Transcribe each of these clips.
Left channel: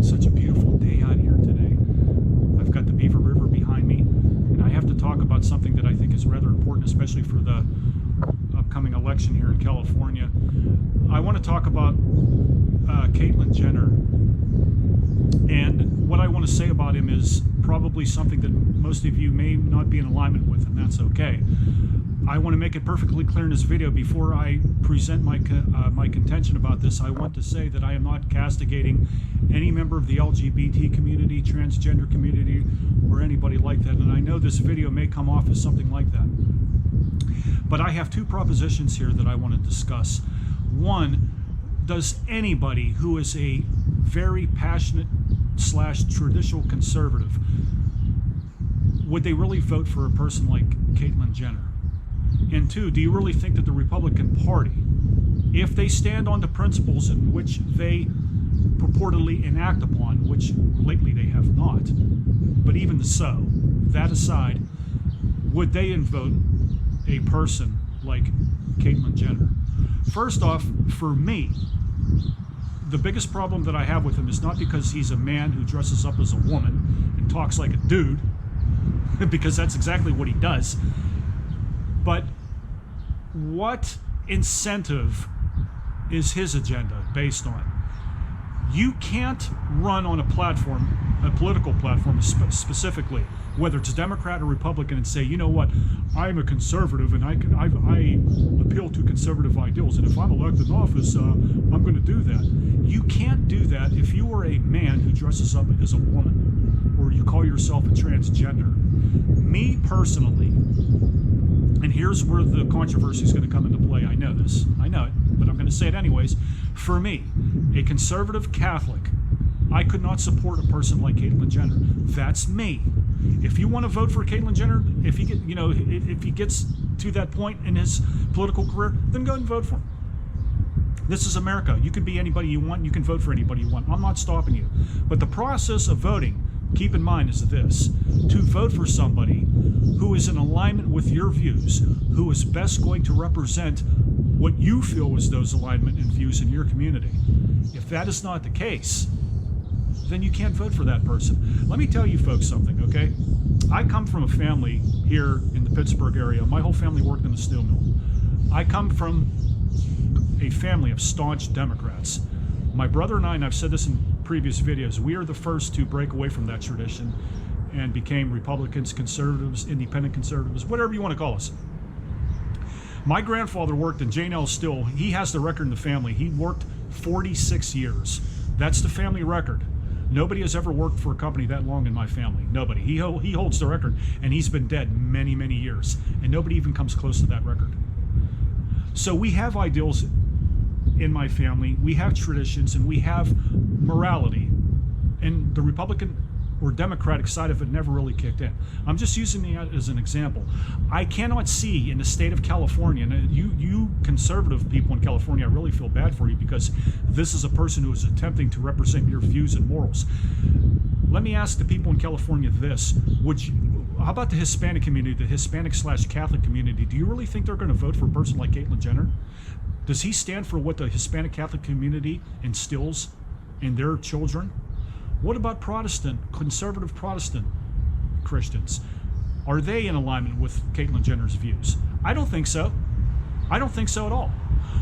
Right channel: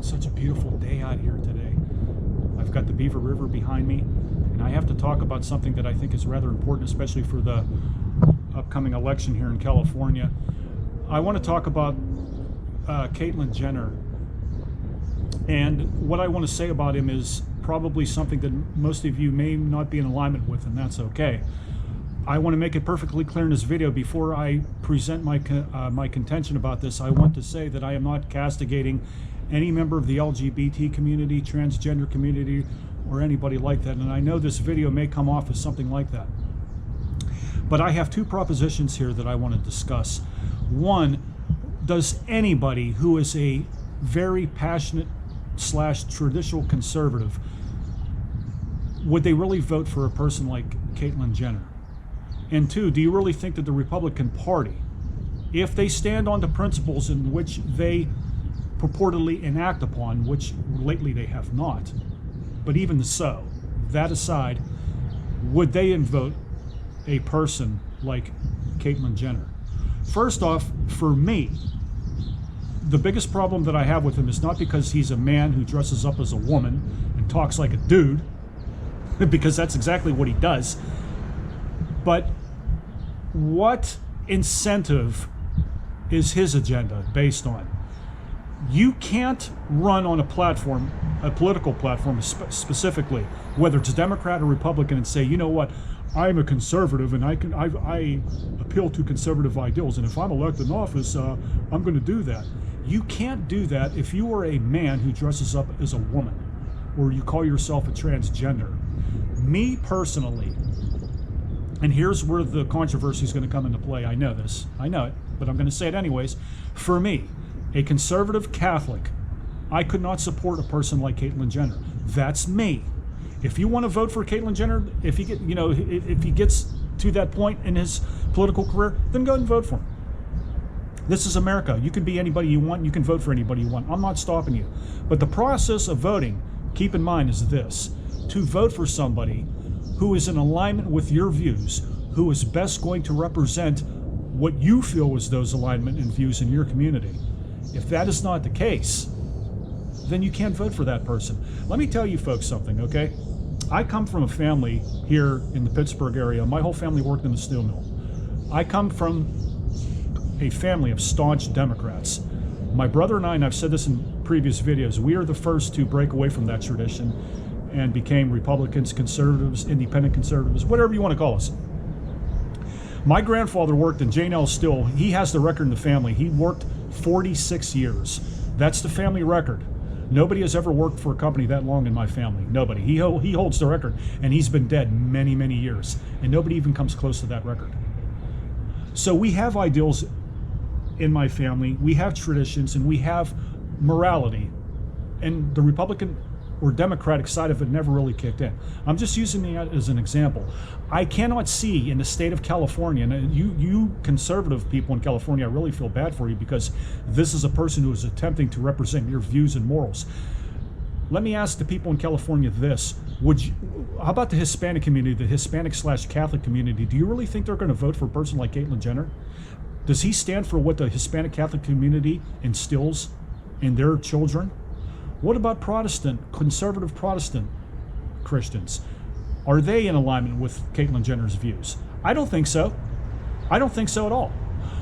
it's such a beautiful day out here today. I've got the Beaver River behind me, and I have to talk about something that I think is rather important, especially for the upcoming election here in California. I want to talk about Caitlyn Jenner. And what I want to say about him is probably something that most of you may not be in alignment with, and that's okay. I want to make it perfectly clear in this video, before I present my contention about this, I want to say that I am not castigating any member of the LGBT community, transgender community, or anybody like that. And I know this video may come off as something like that. But I have two propositions here that I want to discuss. One, does anybody who is a very passionate / traditional conservative, would they really vote for a person like Caitlyn Jenner? And two, do you really think that the Republican Party, if they stand on the principles in which they purportedly enact upon, which lately they have not, but even so, that aside, would they vote a person like Caitlyn Jenner? First off, for me, the biggest problem that I have with him is not because he's a man who dresses up as a woman and talks like a dude, because that's exactly what he does. But what incentive is his agenda based on? You can't run on a platform, a political platform specifically, whether it's Democrat or Republican, and say, you know what, I'm a conservative and I appeal to conservative ideals, and if I'm elected in office, I'm going to do that. You can't do that if you are a man who dresses up as a woman, or you call yourself a transgender. Me personally, and here's where the controversy is going to come into play. I know this. I know it, but I'm going to say it anyways. For me, a conservative Catholic, I could not support a person like Caitlyn Jenner. That's me. If you want to vote for Caitlyn Jenner, if he gets to that point in his political career, then go ahead and vote for him. This is America. You can be anybody you want. You can vote for anybody you want. I'm not stopping you. But the process of voting, keep in mind, is this: to vote for somebody who is in alignment with your views, who is best going to represent what you feel is those alignment and views in your community. If that is not the case, then you can't vote for that person. Let me tell you folks something, okay? I come from a family here in the Pittsburgh area. My whole family worked in the steel mill. I come from a family of staunch Democrats. My brother and I, and I've said this in previous videos, we are the first to break away from that tradition and became Republicans, conservatives, independent conservatives, whatever you want to call us. My grandfather worked in J&L Steel. He has the record in the family. He worked 46 years. That's the family record. Nobody has ever worked for a company that long in my family. Nobody. He holds the record, and he's been dead many, many years, and nobody even comes close to that record. So we have ideals in my family, we have traditions, and we have morality, and the Republican or Democratic side of it never really kicked in. I'm just using that as an example. I cannot see in the state of California, and you conservative people in California, I really feel bad for you, because this is a person who is attempting to represent your views and morals. Let me ask the people in California this: how about the Hispanic community, the Hispanic / Catholic community? Do you really think they're going to vote for a person like Caitlyn Jenner? Does he stand for what the Hispanic Catholic community instills in their children? What about conservative Protestant Christians? Are they in alignment with Caitlyn Jenner's views? I don't think so. I don't think so at all.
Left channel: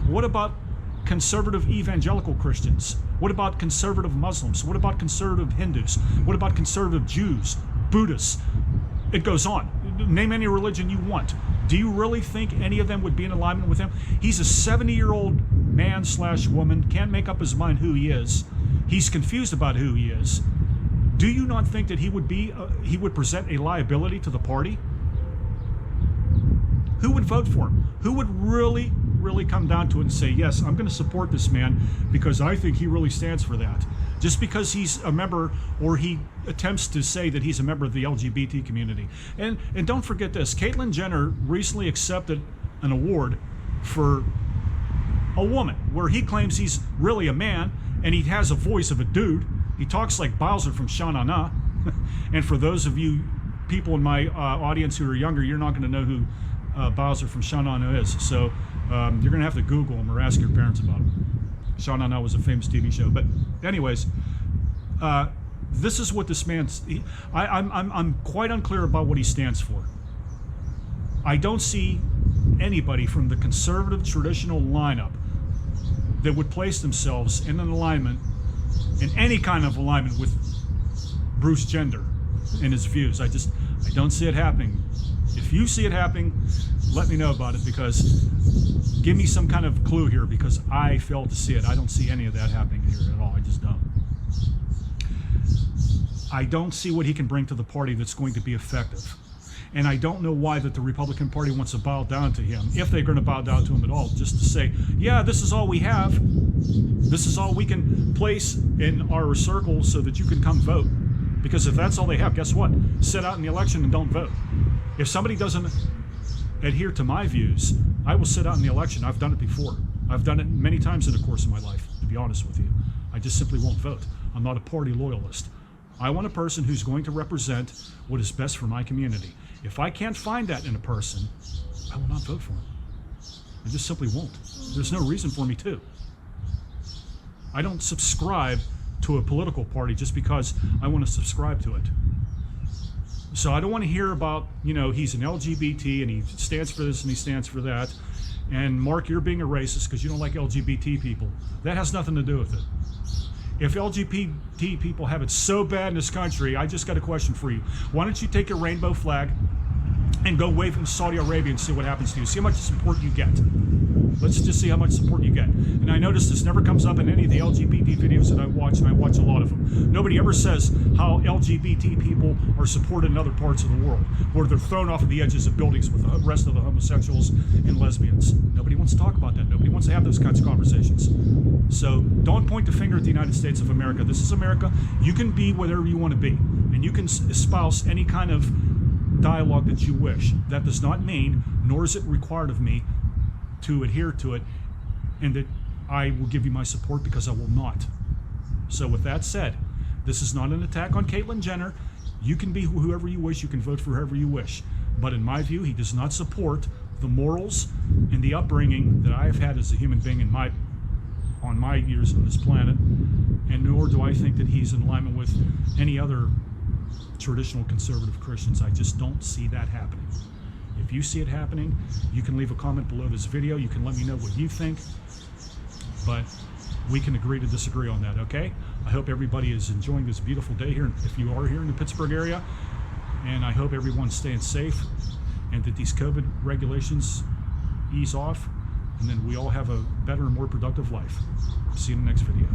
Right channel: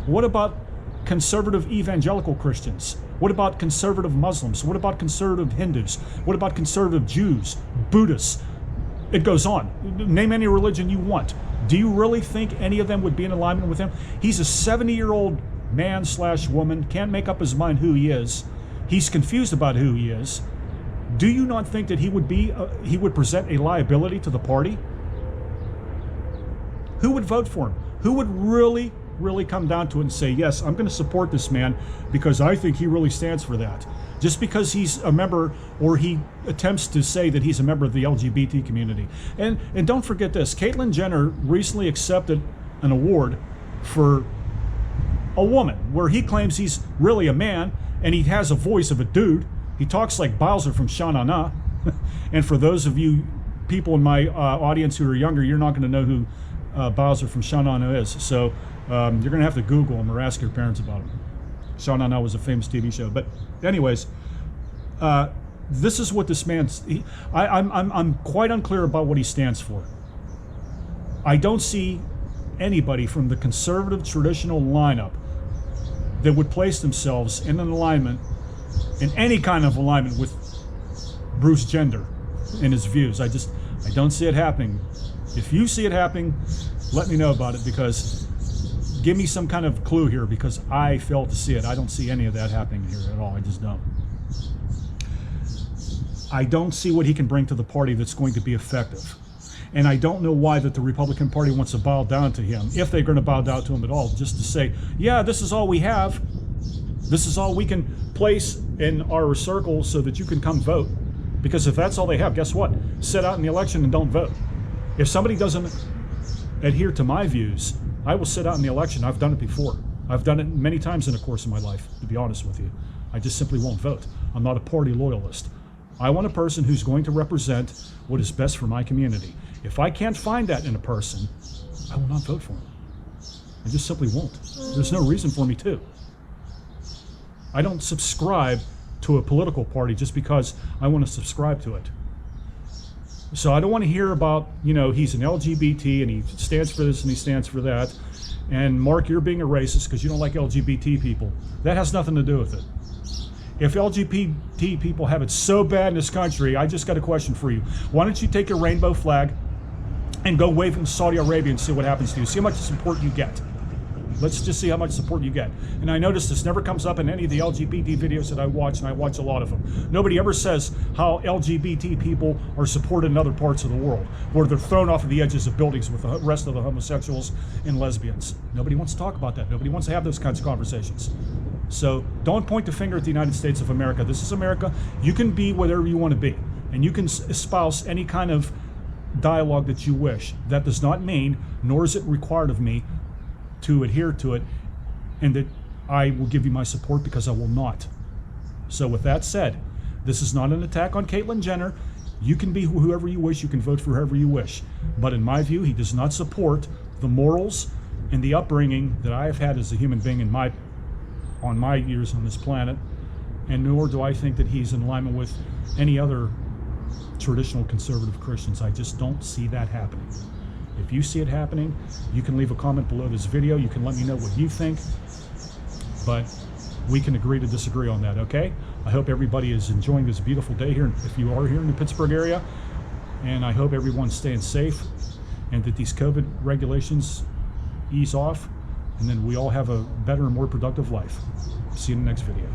What about conservative evangelical Christians? What about conservative Muslims? What about conservative Hindus? What about conservative Jews, Buddhists? It goes on. Name any religion you want. Do you really think any of them would be in alignment with him? He's a 70-year-old man / woman, can't make up his mind who he is. He's confused about who he is. Do you not think that he would present a liability to the party? Who would vote for him? Who would really come down to it and say, yes, I'm going to support this man because I think he really stands for that? Just because he's a member, or he attempts to say that he's a member of the LGBT community. And don't forget this, Caitlyn Jenner recently accepted an award for a woman, where he claims he's really a man, and he has a voice of a dude. He talks like Bowser from Sha-Na-Na. And for those of you people in my audience who are younger, you're not going to know who Bowser from Sha-Na-Na is. So you're going to have to Google him or ask your parents about him. Sha-Na-Na was a famous TV show. But anyways, This is what this man's. I'm quite unclear about what he stands for. I don't see anybody from the conservative traditional lineup that would place themselves in an alignment, in any kind of alignment with Bruce Jenner and his views. I don't see it happening. If you see it happening, let me know about it, because give me some kind of clue here, because I fail to see it. I don't see any of that happening here at all. I just don't. I don't see what he can bring to the party that's going to be effective. And I don't know why that the Republican Party wants to bow down to him, if they're going to bow down to him at all, just to say, yeah, this is all we have. This is all we can place in our circle so that you can come vote. Because if that's all they have, guess what? Sit out in the election and don't vote. If somebody doesn't adhere to my views, I will sit out in the election. I've done it before. I've done it many times in the course of my life, to be honest with you. I just simply won't vote. I'm not a party loyalist. I want a person who's going to represent what is best for my community. If I can't find that in a person, I will not vote for him. I just simply won't. There's no reason for me to. I don't subscribe to a political party just because I want to subscribe to it. So I don't want to hear about, he's an LGBT and he stands for this and he stands for that. And Mark, you're being a racist because you don't like LGBT people. That has nothing to do with it. If LGBT people have it so bad in this country, I just got a question for you. Why don't you take your rainbow flag and go wave in Saudi Arabia and see what happens to you? See how much support you get. Let's just see how much support you get. And I notice this never comes up in any of the LGBT videos that I watch, and I watch a lot of them. Nobody ever says how LGBT people are supported in other parts of the world, where they're thrown off of the edges of buildings with the rest of the homosexuals and lesbians. Nobody wants to talk about that. Nobody wants to have those kinds of conversations. So don't point the finger at the United States of America. This is America. You can be whatever you want to be, and you can espouse any kind of dialogue that you wish. That does not mean, nor is it required of me, to adhere to it, and that I will give you my support, because I will not. So with that said, this is not an attack on Caitlyn Jenner. You can be whoever you wish. You can vote for whoever you wish. But in my view, he does not support the morals and the upbringing that I have had as a human being on my years on this planet, and nor do I think that he's in alignment with any other traditional conservative Christians. I just don't see that happening. If you see it happening, you can leave a comment below this video. You can let me know what you think, but we can agree to disagree on that, okay? I hope everybody is enjoying this beautiful day here, if you are here in the Pittsburgh area, and I hope everyone's staying safe and that these COVID regulations ease off, and then we all have a better and more productive life. See you in the next video.